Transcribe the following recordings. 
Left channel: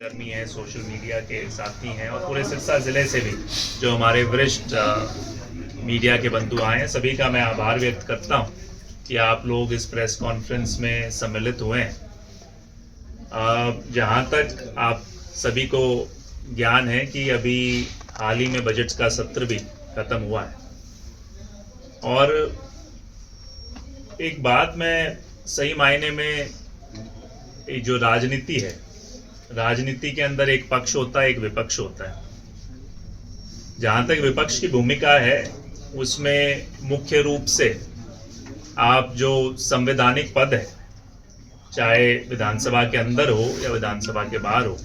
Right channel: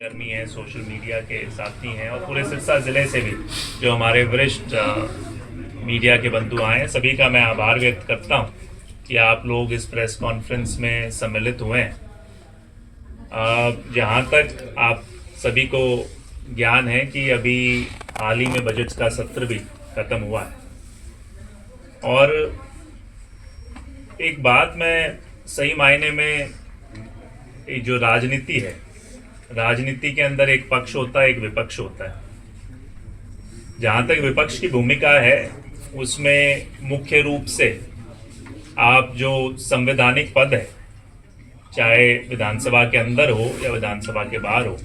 कर्मी हैं, social media के साथी हैं और पूरे सिरसा ज़िले से भी जो हमारे वरिष्ठ मीडिया के बंधु आए हैं, सभी का मैं आभार व्यक्त करता हूं कि आप लोग इस प्रेस कॉन्फ्रेंस में सम्मिलित हुए हैं। जहां तक आप सभी को ज्ञान है कि अभी हाल ही में बजट का सत्र भी ख़त्म हुआ है और एक बात मैं सही मायने में जो राजनीति है, राजनीति के अंदर एक पक्ष होता है, एक विपक्ष होता है। जहाँ तक विपक्ष की भूमिका है उसमें मुख्य रूप से आप जो संवैधानिक पद है, चाहे विधानसभा के अंदर हो या विधानसभा के बाहर हो,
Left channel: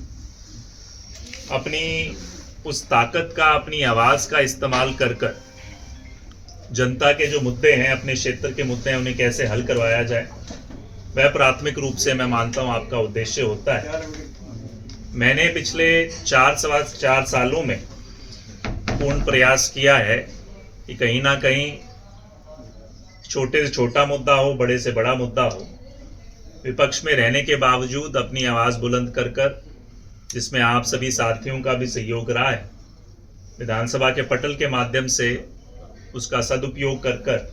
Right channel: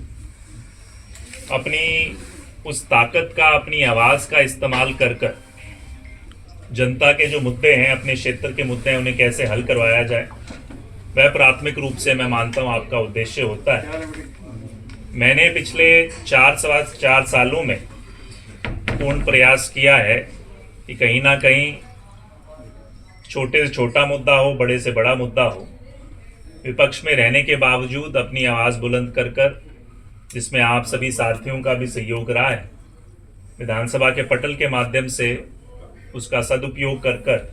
अपनी उस ताकत का, अपनी आवाज़ का इस्तेमाल कर कर जनता के जो मुद्दे हैं, अपने क्षेत्र के मुद्दे हैं, उन्हें कैसे हल करवाया जाए, वह प्राथमिक रूप से मैं मानता हूँ आपका उद्देश्य होता है। मैंने पिछले 4 सालों में पूर्ण प्रयास किया है कि कहीं ना कहीं छोटे से छोटा मुद्दा हो, बड़े से बड़ा मुद्दा हो, विपक्ष में रहने के बावजूद अपनी आवाज़ बुलंद कर कर, जिसमें आप सभी साथियों का भी सहयोग रहा है, विधानसभा के पटल के माध्यम से उसका सदुपयोग कर कर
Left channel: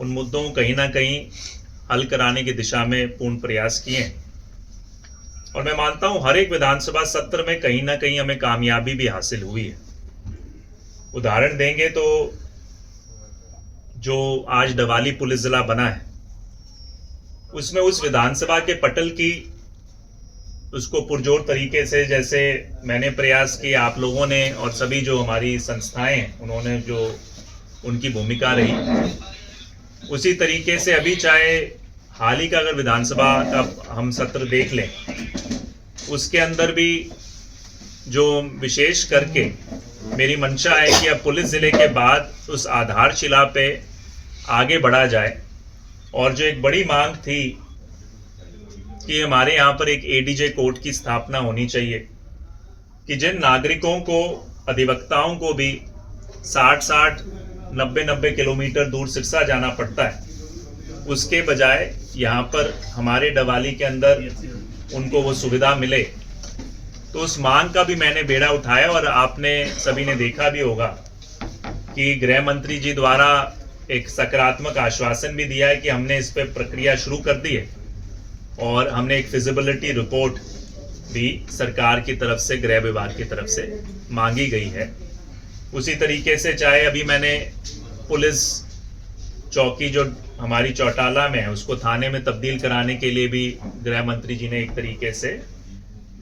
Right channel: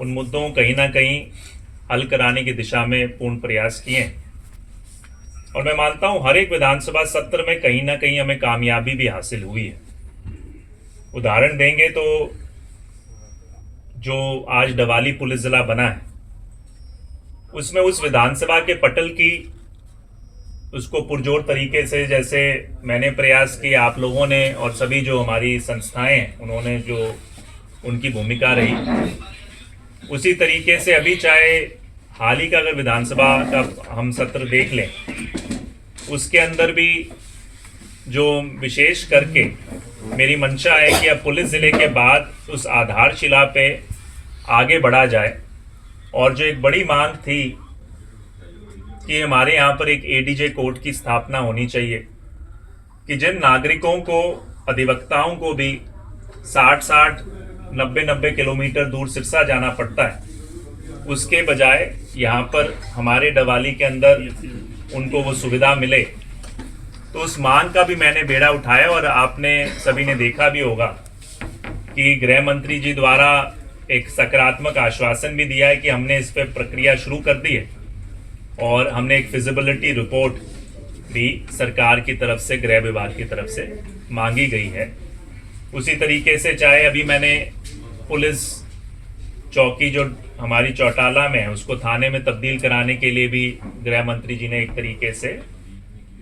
उन मुद्दों को कहीं ना कहीं हल कराने की दिशा में पूर्ण प्रयास किए हैं। और मैं मानता हूं हर एक विधानसभा सत्र में कहीं ना कहीं हमें कामयाबी भी हासिल हुई है। उदाहरण देंगे तो जो आज डवाली पुलिस जिला बना है, उसमें उस विधानसभा के पटल की उसको पुरजोर तरीके से, जैसे मैंने प्रयास किया, आप लोगों ने और सभी जो हमारी संस्थाएं हैं उन्होंने जो उनकी भूमिका रही, उसी तरीके से अभी चाहे हाल ही का अगर विधानसभा का हम सत्र देख लें, उसके अंदर भी जो विशेष करके मेरी मंशा है कि अब पुलिस ज़िले के बाद उस आधारशिला पे आगे बढ़ा जाए। और जो एक बड़ी मांग थी कि हमारे यहाँ पर एक एडीजे कोर्ट की स्थापना होनी चाहिए कि जिन नागरिकों को, अधिवक्ताओं को भी 60-60, 90-90 किलोमीटर दूर सिरसा जाना पड़ता है, उसके बजाय यहाँ पर हमारे डवाली के अंदर उनको वो सुविधा मिले। तो उस मांग का भी मैंने बेड़ा उठाया और आपने सभी ने देखा भी होगा कि गृह मंत्री जी द्वारा एक सकारात्मक आश्वासन भी दिया है कि हमने इस पर प्रक्रिया शुरू कर दी है और हमने एक फिजिबिलिटी रिपोर्ट भी सरकार की तरफ से, गृह विभाग की तरफ से मांगी गई है। उसी तरीके से चाहे अभी मैंने पुलिस चौकी जो हमारी चौटाला में है उसको थाने में तब्दील कराने के लिए भी गृह मंत्री जी ने एक तरीके से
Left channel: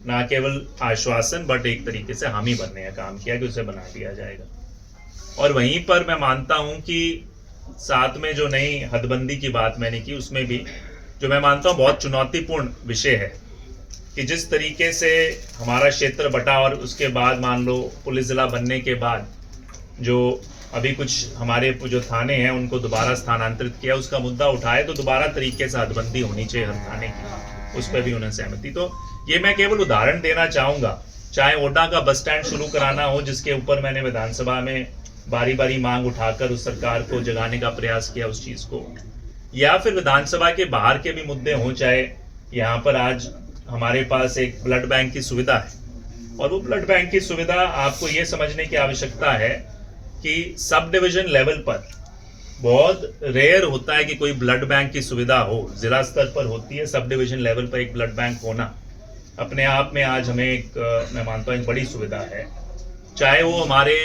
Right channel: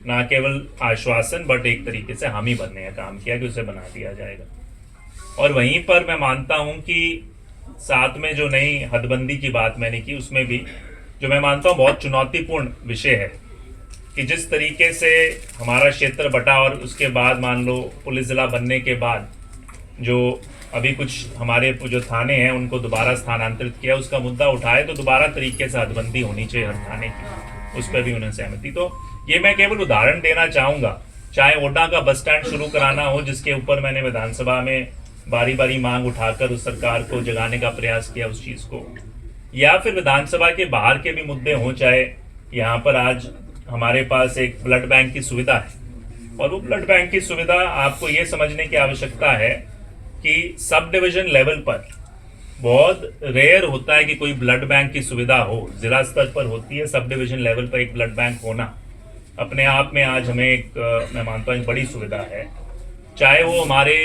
ना केवल आश्वासन बट एक तरीके से हामी भरने का काम किया कि उसे बना दिया जाएगा। और वहीं पर मैं मानता हूं कि साथ में जो नई हदबंदी की बात मैंने की, उसमें भी जो मैं मानता हूं बहुत चुनौतीपूर्ण विषय है कि जिस तरीके से हमारा क्षेत्र बटा और उसके बाद मान लो पुलिस जिला बनने के बाद जो अभी कुछ हमारे जो थाने हैं उनको दोबारा स्थानांतरित किया, उसका मुद्दा उठाए तो दोबारा तरीके से हदबंदी होनी चाहिए हर थाने की, उस पर भी उन्हें सहमति। तो ये मैं केवल उदाहरण देना चाहूँगा, चाहे ओडा का बस स्टैंड शुरू कराना हो जिसके ऊपर मैंने विधानसभा में बारी बारी मांग उठाकर उस सरकार को जगाने का प्रयास किया उस चीज़ को, या फिर विधानसभा के बाहर के भी मुद्दे हों, चाहे यहाँ पर आज हमारे पास एक ब्लड बैंक की सुविधा है और वो ब्लड बैंक की सुविधा आपको ये समझने की आवश्यकता है कि सब डिवीजन लेवल पर बहुत रेयर होता है कि कोई ब्लड बैंक की सुविधा हो। जिला स्तर पर होती है, सब डिवीजन लेवल पर एक ब्लड बैंक होना अपने आप में आज हमें एक मैं मानता हूँ एक बड़ी सुविधा है। चाहे वो हमारे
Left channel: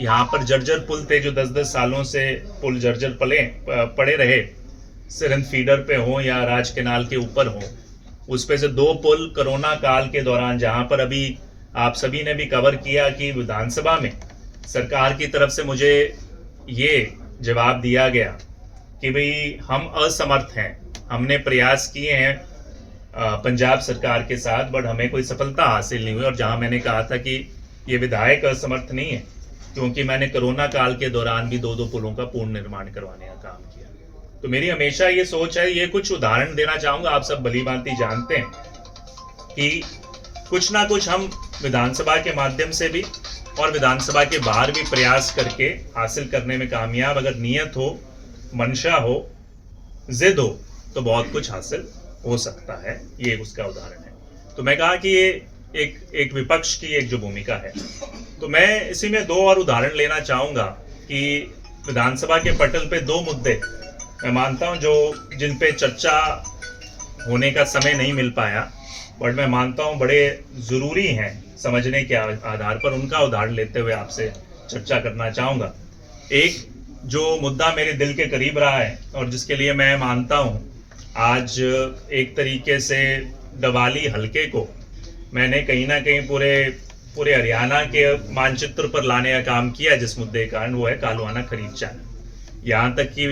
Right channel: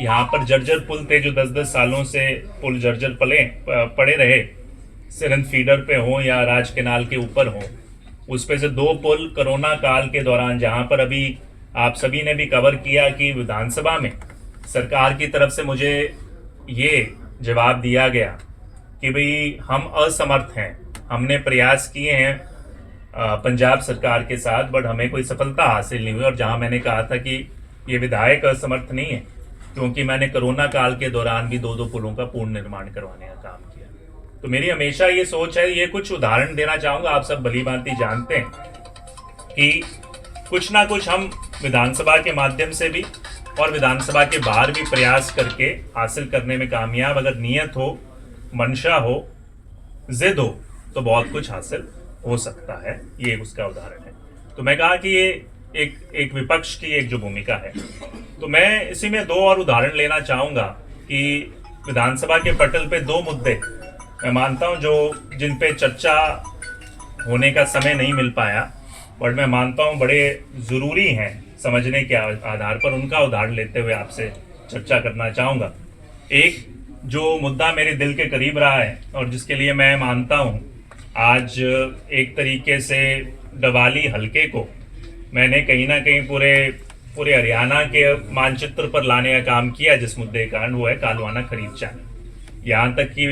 यहाँ पर जर्जर पुल थे जो 10-10 सालों से पुल जर्जर पड़े रहे, सिरंद फीडर पे हो या राज केनाल के ऊपर हो, उस पे से 2 पुल कोरोना काल के दौरान, जहाँ पर अभी आप सभी ने भी कवर किया कि विधानसभा में सरकार की तरफ से मुझे ये जवाब दिया गया कि भाई हम असमर्थ हैं, हमने प्रयास किए हैं पंजाब सरकार के साथ बट हमें कोई सफलता हासिल नहीं हुई। और जहां मैंने कहा था कि ये विधायक असमर्थ नहीं है क्योंकि मैंने कोरोना काल के दौरान भी 2-2 पुलों का पूर्ण निर्माण करवाने का काम किया। तो मेरी हमेशा ये सोच है, ये कुछ उदाहरण देना चाहूँगा। आप सब भली-भांति जानते हैं कि कुछ ना कुछ हम विधानसभा के माध्यम से भी और विधानसभा के बाहर भी प्रयास करके हासिल करने में कामयाब, अगर नियत हो, मंशा हो, जिद हो तो बहुत कुछ हासिल हो सकता है। ये उसका उदाहरण है। तो मैं कहा कि ये एक विपक्ष की एक जो भूमिका है। तो मैं इसी में दो और उदाहरण लेना चाहूँगा कि विधानसभा के पटल पे दो मुद्दे मैं मानता हूँ जो जिन पे चर्चा होने का समय नहीं मिल पाया, बट मैं मानता हूँ बड़े ज़रूरी हैं समझने के आधार पर, उनका उदाहरण लेते हुए आपसे चर्चा करना चाहूँगा। एक जो मुद्दा मेरे दिल के करीब रहा है और जिसके लिए मैं मानता हूँ आज एक तरीके से डवाली हलके को मैंने कहीं ना कहीं पूरे हरियाणा के मानचित्र पर लाने का काम किया, जिस मुद्दे का कारण वो है कालवाना खरीफ चैनल। यहाँ तक कि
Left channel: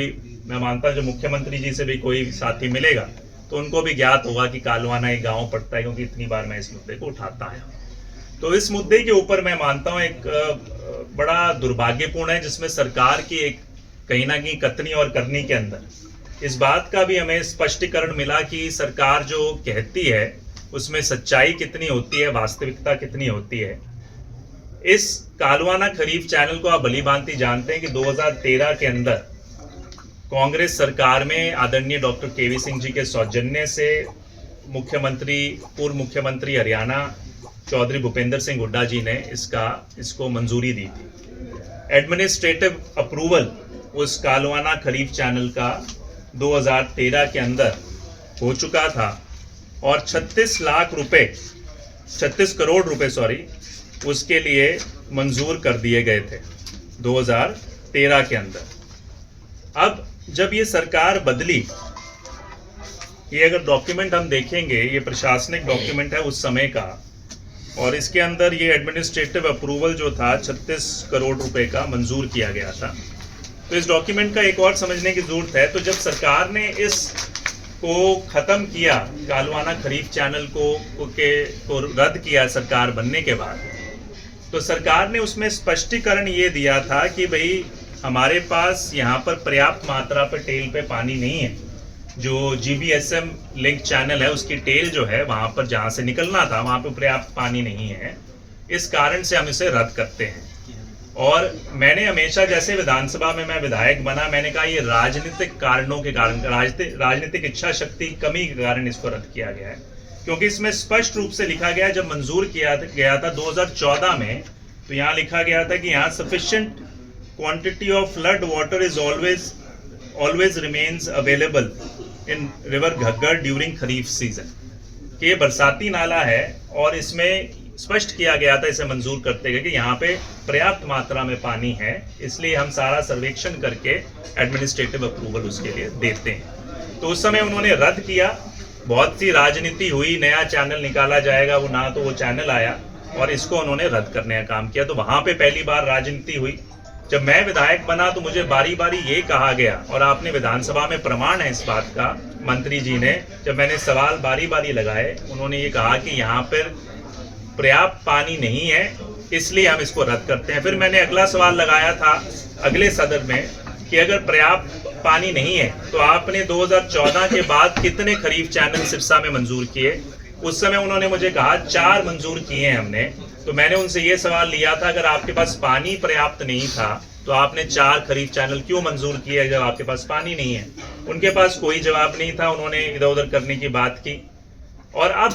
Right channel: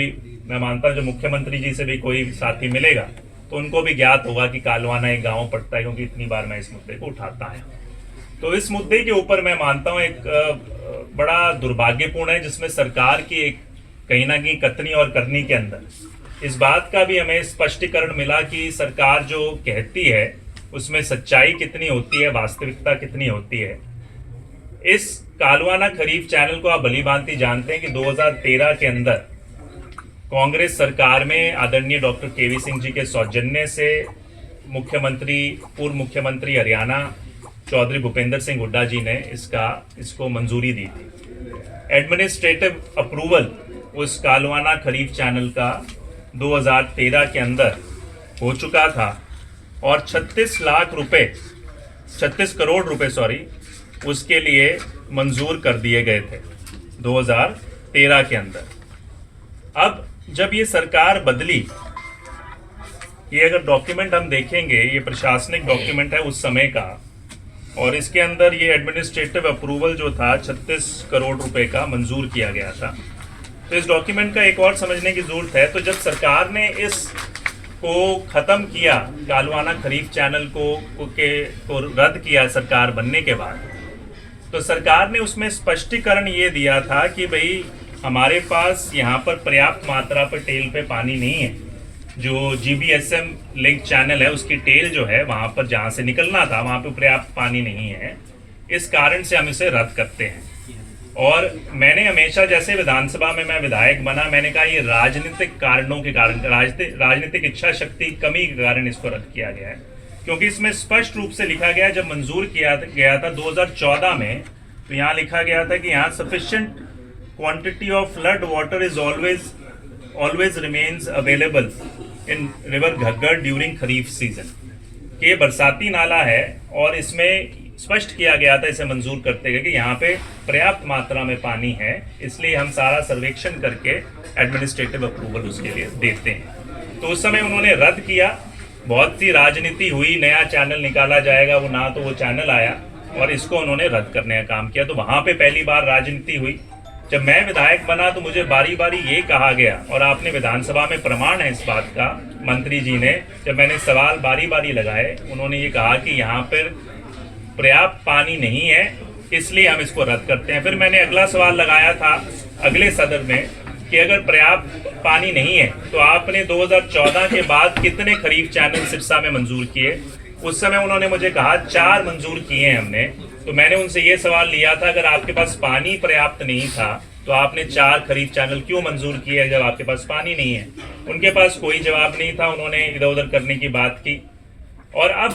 मैं मानता हूँ जो मुख्यमंत्री जी से भी कोई साथी मिलेगा तो उनको भी ज्ञात होगा कि कालवाना एक गांव पड़ता है, क्योंकि इतनी बार मैं इस मुद्दे को उठाता है। तो इस मुद्दे के ऊपर मैं मानता हूँ एक बड़ा दुर्भाग्यपूर्ण है, जिसमें सरकार की एक कहीं ना कहीं कथनी और करनी के अंदर इस बात का भी हमें स्पष्टीकरण मिला कि सरकार जो कहती है उसमें सच्चाई कितनी होती है, वास्तविकता कितनी होती है। इस कालवाना खरीफ चैनल को आप भली भांति जानते हैं कि 2013 के अंदर कांग्रेस सरकार में आदरणीय डॉक्टर केवी सिंह जी के सौजन्य से पूर्व मुख्यमंत्री हरियाणा चौधरी भूपेंद्र सिंह हुड्डा जी ने इसको मंजूरी दी थी। एडमिनिस्ट्रेटिव अप्रूवल उस कालवाना खरीफ चैनल का 2013 के अंदर हो चुका था और 36 करोड़ रुपए उसके लिए मंजूर कर दिए गए थे 2013 के अंदर। अब जब ये सरकार बदली, ये अगर डॉक्यूमेंट हम देखेंगे, ये प्रशासनिक डॉक्यूमेंट है उस समय का, और इसके अंदर ये एडमिनिस्ट्रेटिव अप्रूवल जो था 36 करोड़ रुपए का मंजूर किया गया था। तो इस डॉक्यूमेंट का एक और समझने की जरूरत है। तो जब सरकार ने इस को खत्म किया, कालवाना खरीफ चैनल को रद्द किया सरकार बनने के बाद, तो सरकार ने उसमें स्पष्टीकरण ये दिया था कि भाई हमारे पास यहाँ पर पर्याप्त मात्रा पर टेल पे पानी नहीं है। जो जीबीएसएम लिंक चैनल है उसकी टेल जो है वहाँ पर जहाँ से निकलना था वहाँ पर पर्याप्त पानी नहीं है, इस कारण से हम इसे रद्द करते हैं। और मैंने हमेशा, जैसे विधानसभा में मैं विधायक बना, मैंने कहा ये राजनीतिक कारणों के कारण, राजनीतिक इच्छा शक्ति कमी के कारण इसको रद्द किया गया है, क्योंकि इसमें स्पष्ट रूप से लिखा गया, जब मंजूर किया गया था 2014 में, तो यहाँ लिखा गया था कि यहाँ sufficient quantity of flood water is always remains available in river Ghaggar during kharif season. ये बरसाती नाला है और इसमें स्पष्ट किया गया था इसे मंजूर करते हुए कि यहाँ पे पर्याप्त मात्रा में पानी है, इसलिए हम सारा सर्वेक्षण करके एडमिनिस्ट्रेटिव अप्रूवल उसके लिए देते हैं। तो उस समय उन्होंने रद्द किया, बहुत सी राजनीति हुई, नया चैनल निकाला जाएगा, वो चैनल आया और इसको उन्होंने रद्द करने का काम किया। तो वहां पे पहली बार राजनीति हुई। जब मैं विधायक बना तो मुझे बारी बारी ये कहा गया, और आपने विधानसभा में प्रमाण है इस बात का, मंत्री जी ने जब मैंने सवाल बारी बारी लगाए, उन्होंने ये कहा कि यहाँ पर पर्याप्त पानी नहीं है, इसलिए हम इसको रद्द करते हैं। फिर मैंने अगला सवाल लगाया था अगले सदन में कि अगर पर्याप्त पानी नहीं है तो आपने 2014 के बाद कितने खरीफ चैनल सिरसा में मंजूर किए? उस समय उन्होंने मुझे कहा 4 मंजूर किए हैं हमने। तो मैंने उनसे ये सवाल लिया था, अगर आपके पास पानी पर्याप्त नहीं था तो आपने 4 खरीफ चैनल क्यों मंजूर किए जब आपके पास पानी नहीं है? उनके पास कोई जवाब नहीं था, उन्होंने इधर उधर करने की बात की। और अब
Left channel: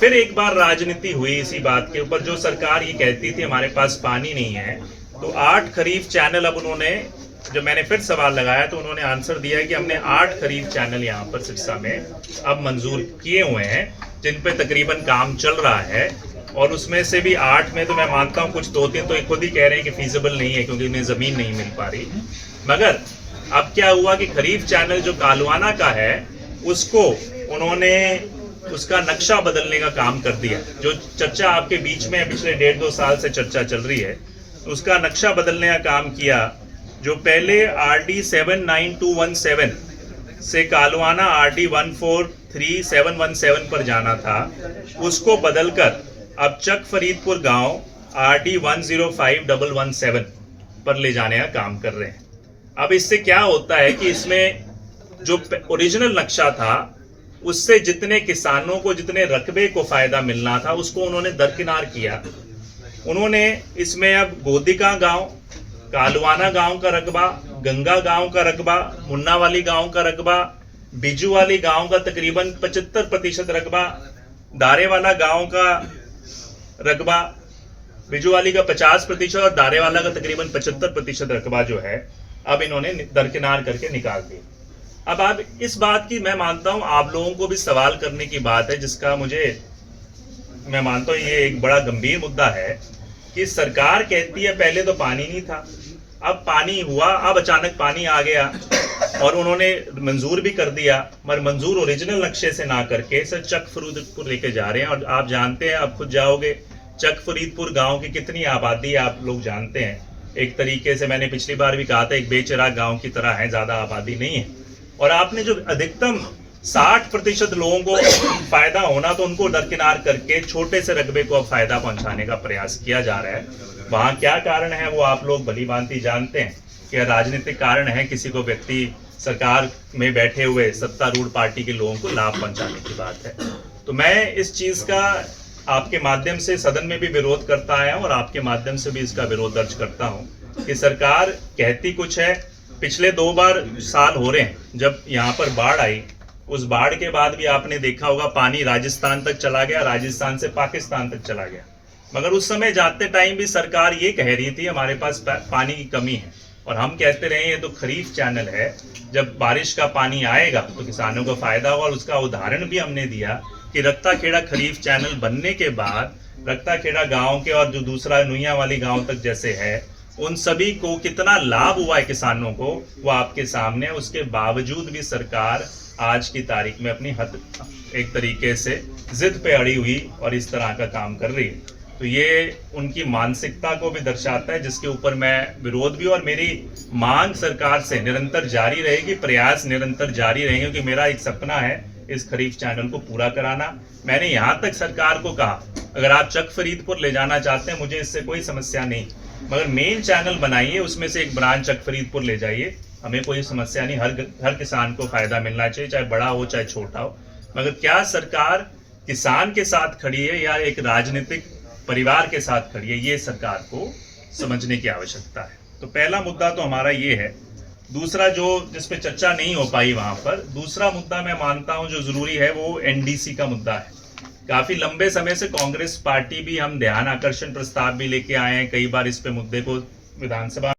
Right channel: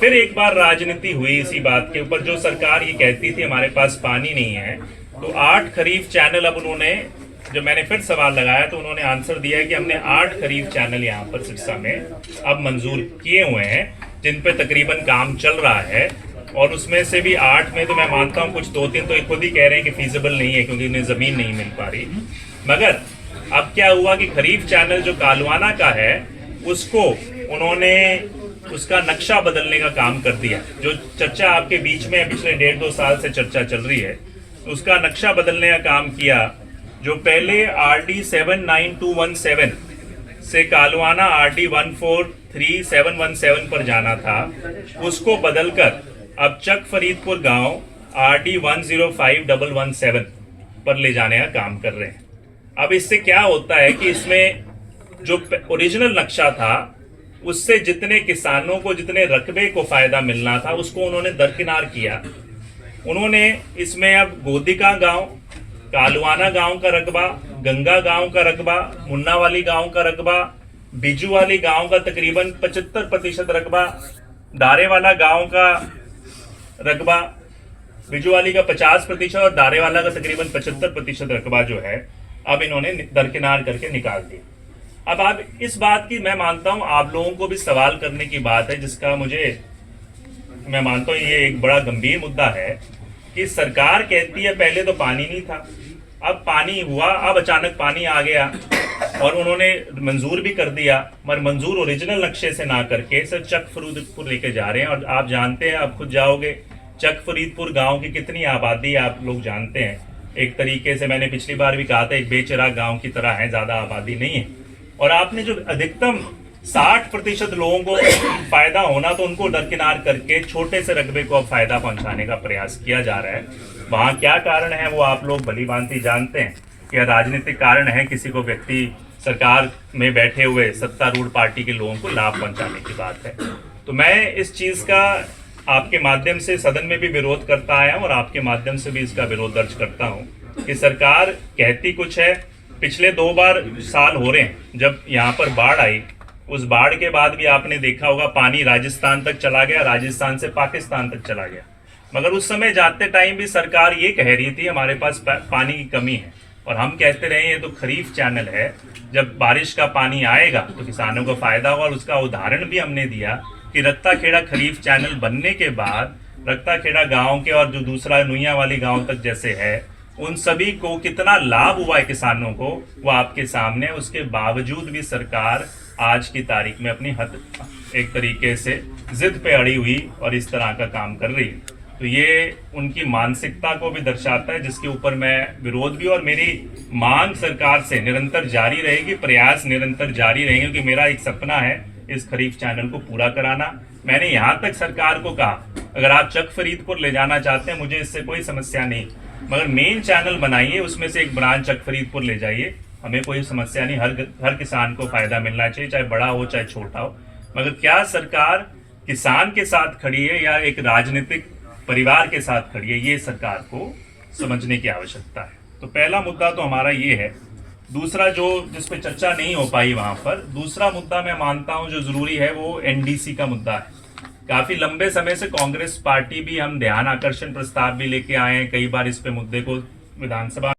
फिर एक बार राजनीति हुई इसी बात के ऊपर, जो सरकार ये कहती थी हमारे पास पानी नहीं है, तो 8 खरीफ चैनल अब उन्होंने, जब मैंने फिर सवाल लगाया तो उन्होंने आंसर दिया कि हमने 8 खरीफ चैनल यहाँ पर सिरसा में अब मंजूर किए हुए हैं, जिन पे तकरीबन काम चल रहा है। और उसमें से भी 8 में तो मैं मानता हूँ कुछ 2-3 तो खुद ही कह रहे हैं कि फीजिबल नहीं है क्योंकि उन्हें ज़मीन नहीं मिल पा रही। मगर अब क्या हुआ कि खरीफ चैनल जो कालवाना का है उसको उन्होंने उसका नक्शा बदलने का काम कर दिया। जो चर्चा आपके बीच में पिछले 1.5-2 साल से चर्चा चल रही है, उसका नक्शा बदलने का काम किया। जो पहले RD 79217 से कालवाना RD 143717 पर जाना था, उसको बदलकर अब चक फरीदपुर गांव RD 105117 पर ले जाने का काम कर रहे हैं। अब इससे क्या होता है कि इसमें जो ओरिजिनल नक्शा था उससे जितने किसानों को, जितने रकबे को फायदा मिलना था, उसको उन्होंने दरकिनार किया। उन्होंने इसमें अब गोदिका गांव, कालवाना गांव का रकबा, गंगा गांव का रकबा, मुन्नावाली गांव का रकबा, बिजू वाली गांव का तकरीबन 75% रकबा, दारेवाला गांव का रकबा बिजुवाली का 50% और दारेवाला का तकरीबन 75% रकबा जो है अब इन्होंने दरकिनार करके निकाल दिया। अब आप इस बात की, मैं मानता हूं आप लोगों को भी सवाल करने की बात है, जिसका मैं मानता हूं ये एक बड़ा गंभीर मुद्दा है कि सरकार कहती है पहले तो पानी नहीं था, अब पानी हुआ, अब अचानक पानी आ गया और उन्होंने मंजूर भी कर दिया, मगर मंजूर ओरिजिनल नक्शे से ना करके सिर्फ चक फरीदपुर लेके जा रहे हैं। और आप जानते हैं, आप खुद जाओगे, चक फरीदपुर गांव की कितनी आबादी है आप लोग जानते हैं। एक तरीके से मैंने पिछली बार भी कहा था, एक बेचिराग गांव की तरह है, ज्यादा आबादी नहीं है। और आपने जो अधिकतम 60% लोगों को फायदा होना, तो उनको दरकिनार करके छोटे से रकबे को अब फायदा पहुंचाने का प्रयास किया जा रहा है। वहां क्या कारण है वो आप लोग भली भांति जानते हैं। यह राजनीतिक कारण है, किसी को व्यक्ति सरकार में बैठे हुए सत्तारूढ़ पार्टी के लोगों को लाभ पहुंचाने की बात है। तो मैं इस चीज का आपके माध्यम से सदन में भी विरोध करता आया हूं और आपके माध्यम से भी इसका विरोध दर्ज करता हूं कि सरकार कहती कुछ है। पिछले 2 बार साल हो रहे हैं जब यहाँ पर बाढ़ आई, उस बाढ़ के बाद भी आपने देखा होगा पानी राजस्थान तक चला गया, राजस्थान से पाकिस्तान तक चला गया। मगर उस समय जाते टाइम भी सरकार ये कह रही थी हमारे पास पानी की कमी है, और हम कहते रहे ये तो खरीफ चैनल है, जब बारिश का पानी आएगा तो किसानों को फायदा होगा। और उसका उदाहरण भी हमने दिया कि रक्ता खेड़ा खरीफ चैनल बनने के बाद रक्ता खेड़ा गांव के और जो दूसरा नुइया वाली गांव तक जैसे है, उन सभी को कितना लाभ हुआ है किसानों को, वो आपके सामने। उसके बावजूद भी सरकार आज की तारीख में अपनी एक तरीके से जिद पे अड़ी हुई और इस तरह का काम कर रही है। तो ये उनकी मानसिकता को भी दर्शाता है, जिसके ऊपर मैं विरोध भी, और मेरी मांग सरकार से निरंतर जारी रहेगी, प्रयास निरंतर जारी रहेंगे, क्योंकि मेरा एक सपना है इस खरीफ चैनल को पूरा कराना। मैंने यहाँ तक सरकार को कहा, अगर आप चक फरीदपुर ले जाना चाहते हैं मुझे इससे कोई समस्या नहीं, मगर मेन चैनल बनाइए, उसमें से एक ब्रांच चक फरीदपुर ले जाइए, हमें कोई समस्या नहीं। हर किसान को फायदा मिलना चाहिए, चाहे बड़ा हो चाहे छोटा हो। मगर क्या सरकार किसान के साथ खड़ी है या एक राजनीतिक परिवार के साथ खड़ी है, ये सरकार को समझने की आवश्यकता है। तो पहला मुद्दा तो हमारा ये है। दूसरा जो जिस पे चर्चा नहीं हो पाई वहां पर, दूसरा मुद्दा मैं मानता हूं जो जरूरी है वो एनडीसी का मुद्दा है। काफी लंबे समय से कांग्रेस पार्टी भी, हम ध्यान आकर्षण प्रस्ताव भी लेके आए हैं कई बार इस पे मुद्दे को विधानसभा